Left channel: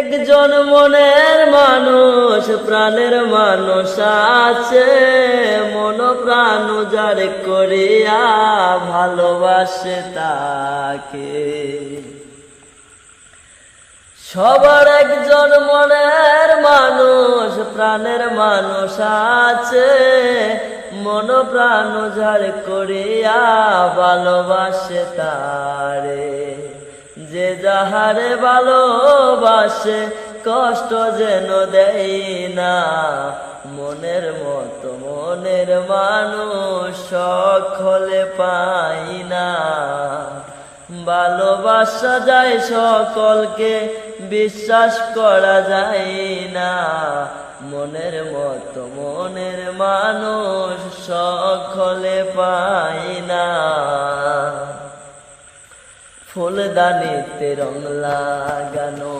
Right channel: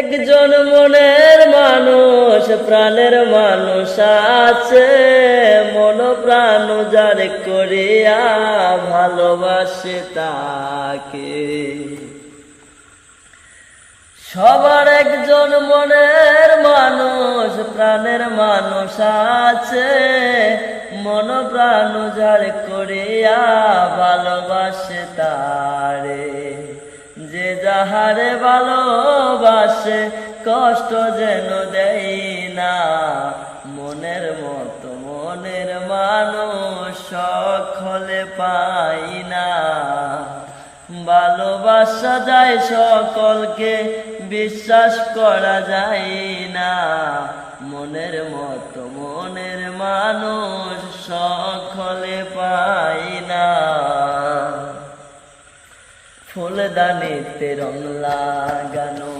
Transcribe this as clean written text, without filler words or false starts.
একজন মনের মানুষ প্রাণের মানুষ আছে, মন প্রাণ যার করিয়া ভালোবাসে তাকে। সবার একজন মনের মানুষ প্রাণের মানুষ আছে, মন প্রাণ যার করিয়া ভালোবাসে তারে। যে যাহারে ভালোবাসে কষ্ট যেন দেয় না, মনের মতো মনের মানুষ সকলে পাই না। ভালোবাসা যায় সকলকে, বিশ্বাস করা যায় না, মনের মতো মনের মানুষ সকলে পাই না। ফুলদানিতে রং লাগানো